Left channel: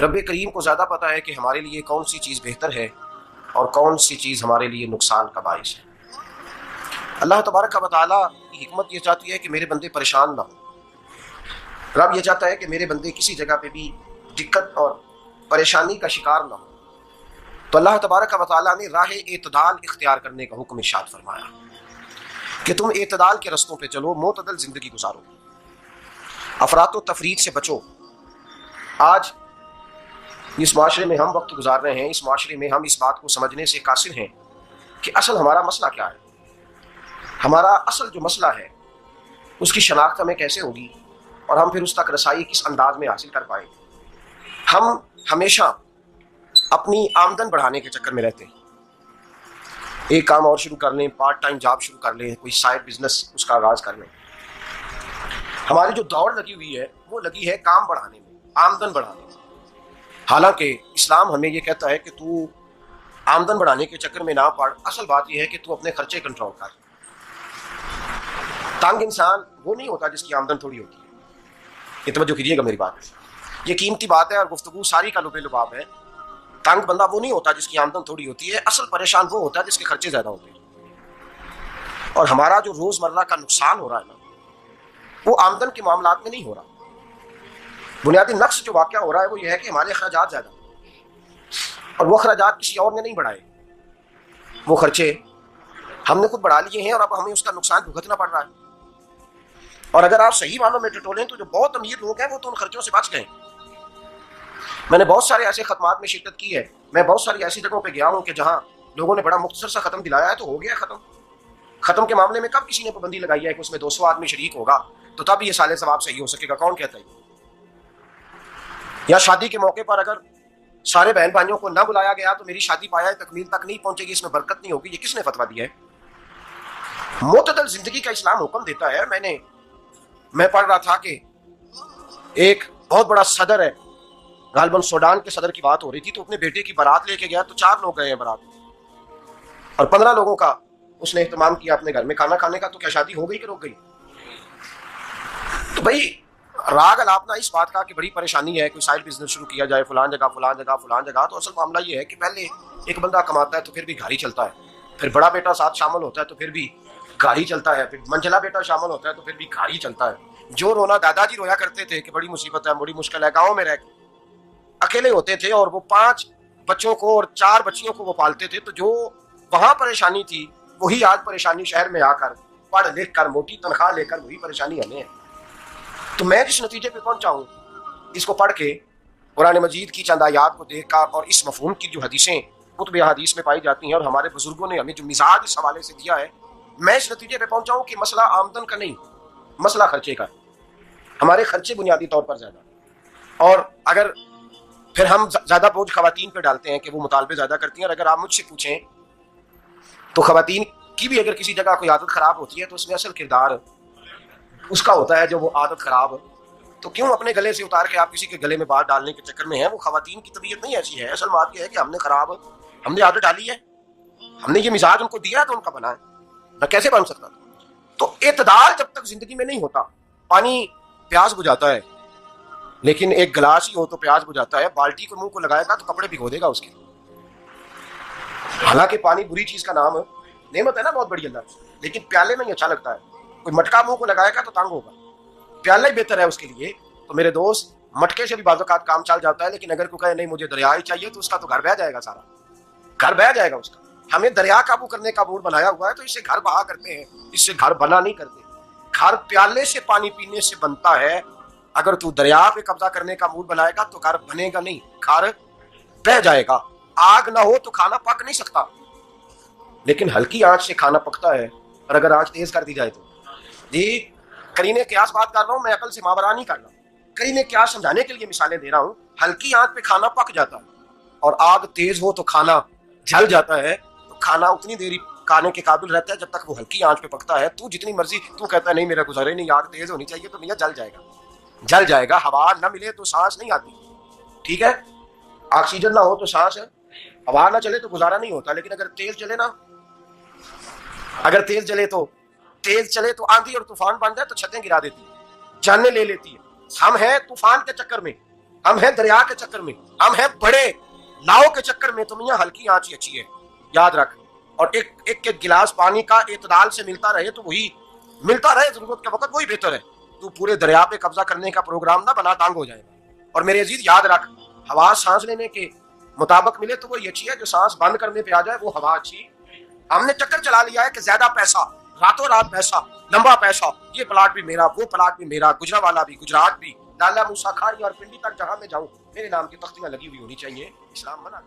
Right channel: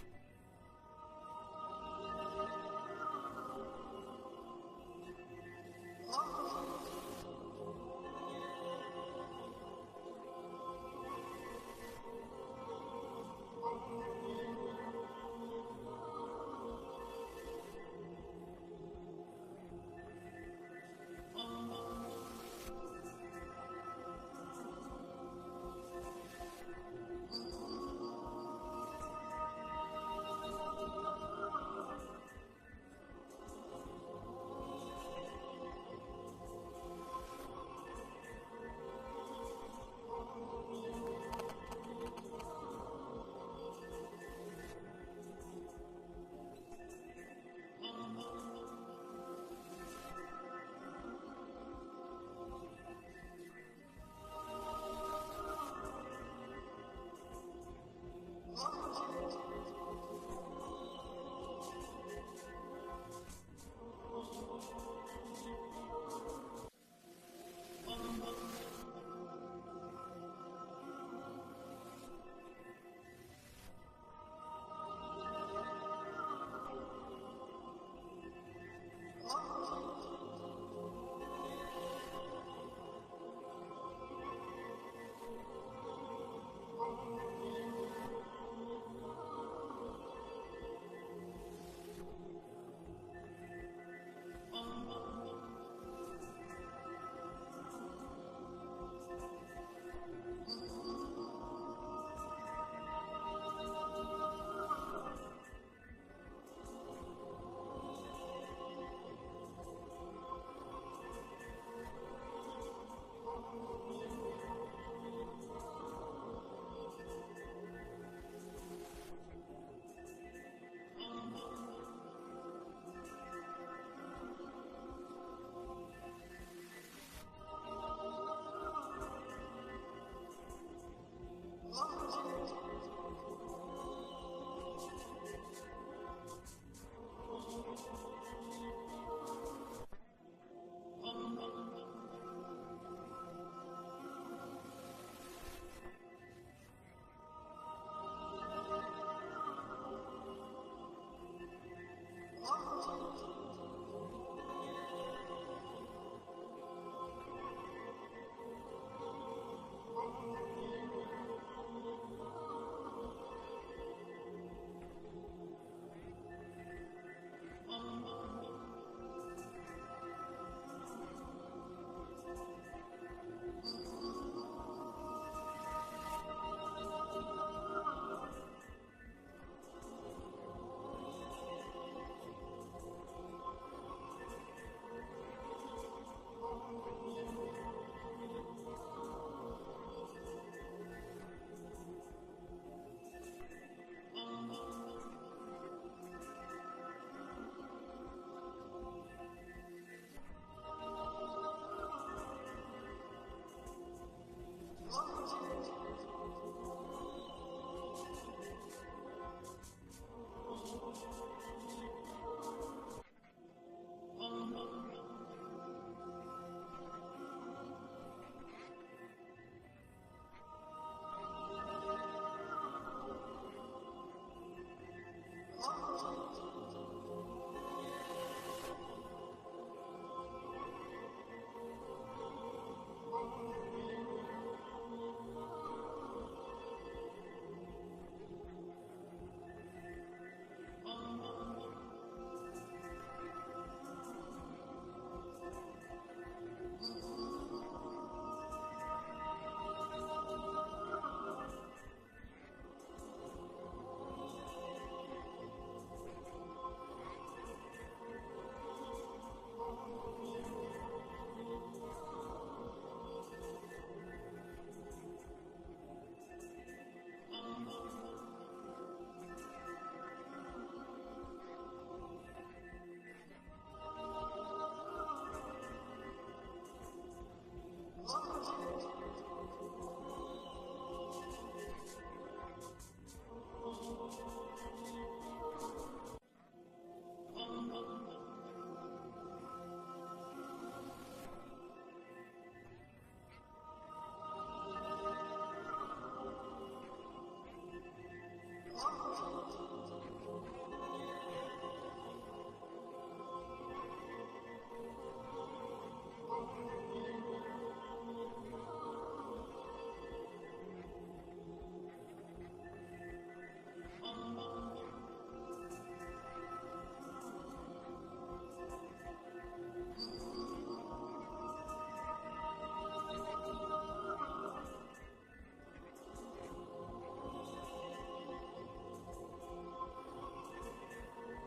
رب کریم کو زیادہ پتہ ہے کہ ہمارے لیے کون سی چیز بہتر ہے اور کون سی چیز ہمارے لیے نقصان کا باعث ہے۔ اللہ تبارک و تعالیٰ کی حکمت یہ چاہتی ہے کہ میرے بندے پریشان نہ ہوں۔ رب یہ چاہتا ہے کہ میرے بندے کسی جگہ پہ بھی دقت اور پریشانی کا شکار نہ ہو، تو اللہ تبارک و تعالیٰ نے راہ اعتدال اختیار کرنے کا حکم ارشاد فرمایا کہ تم اعتدال کے رستوں پہ چلو، معتدل زندگی گزارو، افراط و تفریط سے بچو۔ آج اس معاشرے میں ہم وقت گزار رہے ہیں، اس معاشرے میں ہم اس بات کو سمجھنے سے قاصر ہیں کہ اصل ہمارا مسئلہ کیا ہے، ہمارا اصل جو مسئلہ ہے اس کی شناخت ہمیں کیسے ہوگی اور ہم پھر اس تک رسائی کس انداز میں حاصل کر پائیں۔ ہم ہمیشہ اپنی آمدن بڑھانے کے چکر میں رہتے ہیں، ایک کام اور شروع کر لیں، پارٹ ٹائم جاب شروع کر لیں، کوئی سائڈ بزنس اس کا آغاز کر لیں۔ ہماری جو دوڑ لگی ہوئی ہے وہ لگی ہے کام بڑھانے میں، آمدن بڑھانے میں، حالانکہ اسلام ہمیں یہ کہتا ہے کہ تو آمدن بڑھانے کے چکر میں نہ پڑ، اصل بات یہ ہے کہ تو اپنے خرچے کنٹرول کر۔ تنگ انسان وہ نہیں ہوتا جس کی آمدن تھوڑی ہوتی ہے، یہ توجہ کیجیے گا میری بات، یہ قیمتی بات ہے اور گفتگو ساری کا لب لباب ہے۔ تنگ بندہ وہ نہیں ہوتا جس کی آمدن تھوڑی ہوتی ہے، اصل پریشان وہ ہوتا ہے جس کے خرچے زیادہ ہوتے ہیں۔ اور ہمارا جو روزمرہ کا نقصان ہو رہا ہے وہ آمدن کے معاملات میں نہیں ہو رہا، بنیادی نقص جو واقعہ ہو رہا ہے وہ یہ ہے کہ ہمارے اخراجات زیادہ ہیں، اور وہ اخراجات کسی اور نے نہیں بڑھائے، وہ خرچے ہم نے خود بڑھا لیے ہیں اور اب ہمیں اس کا نقصان بھگتنا پڑ رہا ہے۔ اور اگر آپ صحیح معنوں میں ٹٹولیں تو جو بہت امیر لوگ ہیں وہ تو ان خرچوں سے بچ گئے۔ میں نے بہت سارے ایسے ختمات میں شرکت کی ہے، میں بہت ساری ایسی جگہوں پہ گیا ہوں کہ جہاں لوگوں نے بڑا مختصر سا ختم دلایا ہے تو ہو گیا ختم۔ ختم کے معاملے میں کب کسی نے پابندی لگائی ہے کہ اس میں 200 آدمی شریک ہوگا تو تب یہ سال ثواب صحیح ہو سکے گا؟ کون کہتا ہے؟ یا شادی کے موقع پر اگر سارے بہن بھائیوں کو نہ بلایا گیا تو میری شادی پایا تکمیل تک نہیں پہنچے گی، اس میں برکت نہیں ہوگی، یہ کس نے فتویٰ دیا ہے؟ معتدل زندگی کا اسلام حکم دیتا ہے۔ میں پڑھ رہا تھا کہ ایک بہت بڑا صدر ہے، غالباً سوڈان کے صدر کی بات ہو رہی تھی، تو اپنے بیٹے کی بارات لے کے گیا تو 4 لوگ گئے ہیں بارات، اور 15 لوگوں کا اس نے اہتمام کیا اپنے گھر میں کھانا کھانے کا، تو کیا شادی ہو گئی کہ رک گئی؟ تو بھائی راگ الاپنا اس بات کا کہ بڑی پریشانی ہے، کوئی سائڈ بزنس شروع کیا جائے فلان جگہ فلان جگہ فلان جگہ، تو اصل معاملہ یہ ہے کہ پہلے ایک بندہ کماتا ہے تو پھر بھی گھر ہی چلتا ہے، پھر بڑا بیٹا ساتھ شامل ہوتا ہے تو پھر بھی گھر ہی چلتا ہے، پھر منجلا بیٹا شامل ہوتا ہے تو پھر بھی گھر ہی چلتا ہے۔ جو رونا دادا جی رویا کرتے تھے کہ بڑی مصیبت ہے، بڑی مشکل ہے، گاؤں میں رہ کے اکیلے ہوتے تھے اور وہ 5 بچوں کو اور 4 بچیوں کو وہ پالتے تھے، تو جو وہاں پریشانی تھی وہی آج پریشانی شہر میں آ کر پڑھ لکھ کر موٹی تنخواہ لے کر وہی پریشانی ہمیں ہے۔ تو میں جس نتیجے پہ پہنچا ہوں اس کو پڑھ کے، قرآن مجید کی چند آیات کو دیکھ کر اور اس مفہوم کی جو حدیثیں کتب احادیث میں پائی جاتی ہیں اور ہمارے بزرگوں نے ہمیں جو مزاج اس حوالے سے دیا ہے، میں اس نتیجے پہ پہنچا ہوں کہ مسئلہ آمدن کا نہیں، مسئلہ خرچے کا۔ ہمارے خرچے بنیادی طور پر زیادہ، اور اگر پھر ہم زیادہ بوجھ خواتین پہ ڈالتے ہیں کہ وہ مطالبے زیادہ کرتی ہیں، اور اگر آپ مجھ سے پوچھیں تو خواتین کی بھی اگر کسی جگہ کوئی عادت خراب ہوتی ہے تو اس میں اصل کردار اس کا ہوتا ہے جو وہ عادت خراب، تو کیوں اپنے گلے سے اتار کے آپ کسی کے گلے میں بات ڈالنے کے چکر میں ہیں؟ وہ خواتین کی طبیعت نہیں ایسی ہے، اصل بات یہ ہے کہ ہم نے عادت ڈالی ہے، ہم نے یہ مزاج ان کو دیا تو ان کا بنا ہے، نہ کیسے بن سکتا؟ تو اعتدال جب تک زندگی میں نہیں ہوتا، پانی پیاس بجھاتا ہے لیکن ایک گلاس ہی ہو تو پیاس بجھاتا ہے، بالٹی کو منہ کو لگائے گا تو کپڑے بھگو دے گا اس کے۔ حالانکہ پانی بری چیز کا نام نعمت ہے نا بہت بڑی اللہ، لیکن پیالے میں ہی اچھا لگتا ہے۔ کوئی مٹکا منہ کو لگائے گا تو تنگ ہوگا، پیالہ ہی بہتر ہے اس کے لیے۔ تو میرے دوست مٹکے سے بھی بعض اوقات کام چل جاتا ہے، لیکن اگر کوئی کہے نہیں مجھے دریا ہی چاہیے تو اس کا تو گھر بہ جائے گا، سارا گھر بہ جائے گا اس کا۔ ہمیں دریا قابو کرنے کا موڈ بنایا ہوا ہے تو اس سے گھر بہا کرتے ہیں، اس سے گھر بنا نہیں کرتے۔ گھر پیالے سے پانی پینے سے بنتا ہے، اگر تو دریا پہ قبضہ کرنے کا موڈ بنائے گا تو گھر بنے گا نہیں، گھر بہ جائے گا۔ آگ نہ ہو تو کھانا پک نہیں سکتا، لیکن ہلکی آنچ سے کھانا پکتا ہے، اور اگر آنچ تیز کر دی جائے تو جی قرینے قیاس بات کر رہا ہوں، میں عقل سے ماورا نہیں کر رہا، قرینے قیاس سمجھانے کے لیے مثالیں دے رہا ہوں۔ ہلکی آنچ پہ کھانا پک جاتا ہے، اور آگ تیز ہو تو کھانا جل جاتا ہے۔ تو کھانا اتنی دیر کھانے کے قابل رہتا ہے جب تک وہ ہلکی آنچ پہ پکتا ہے۔ تو جتنی مرضی تو کہتا ہے نہیں میرا گزارے نہیں، آگ تیز ہونی چاہیے، تو میاں جل جائے گا، جل جائے گا۔ ہوا نہ ملے تو سانس نہیں آتی، ٹھیک ہے؟ آکسیجن نہ ہو تو سانس ہے، ہوا نہ چلے تو گزارا نہیں ہوتا۔ لیکن اگر تیز چلے نا، اگر تیز چلے تو آندھی اور طوفان بن جائے تو چھتیں گرا دیتی ہے، جانیں لے لیتی ہے۔ ہم ہیں طوفان کے چکر میں، ہم ہیں دریا کے چکر میں, ہم ہیں بڑے لاؤ کے چکر میں. تو میاں ہلکی آنچ ہی اچھی ہے, یاد رکھ. اور ایک گلاس پانی کا اعتدال سے ملتا رہے تو وہی ملتا رہے, ضرورت کے وقت وہی بہتر ہے. تو پورے دریا پہ قبضہ کرنے کا پروگرام نہ بنا, تانگ ہو جائے. اور میرے عزیز یاد رکھ, ہوا سانس لینے کے مطابق ملے تو وہی اچھی ہے, جو سانس بند کرنے پہ آ جائے وہ ہوا اچھی. ہم نے چکر چلا لیا ہے کہ زیادہ پیسہ, راتوں رات پیسہ, لمبا پیسہ, یہ پلاٹ بھی میرا, وہ پلاٹ بھی میرا, گجرانوالہ بھی, گجرات بھی, لالا موسیٰ کھاری اور پنڈی تک جہاں میں جاؤں میرے نام کی تختیاں لگی ہوئی ہونی چاہیے. اسلام منع.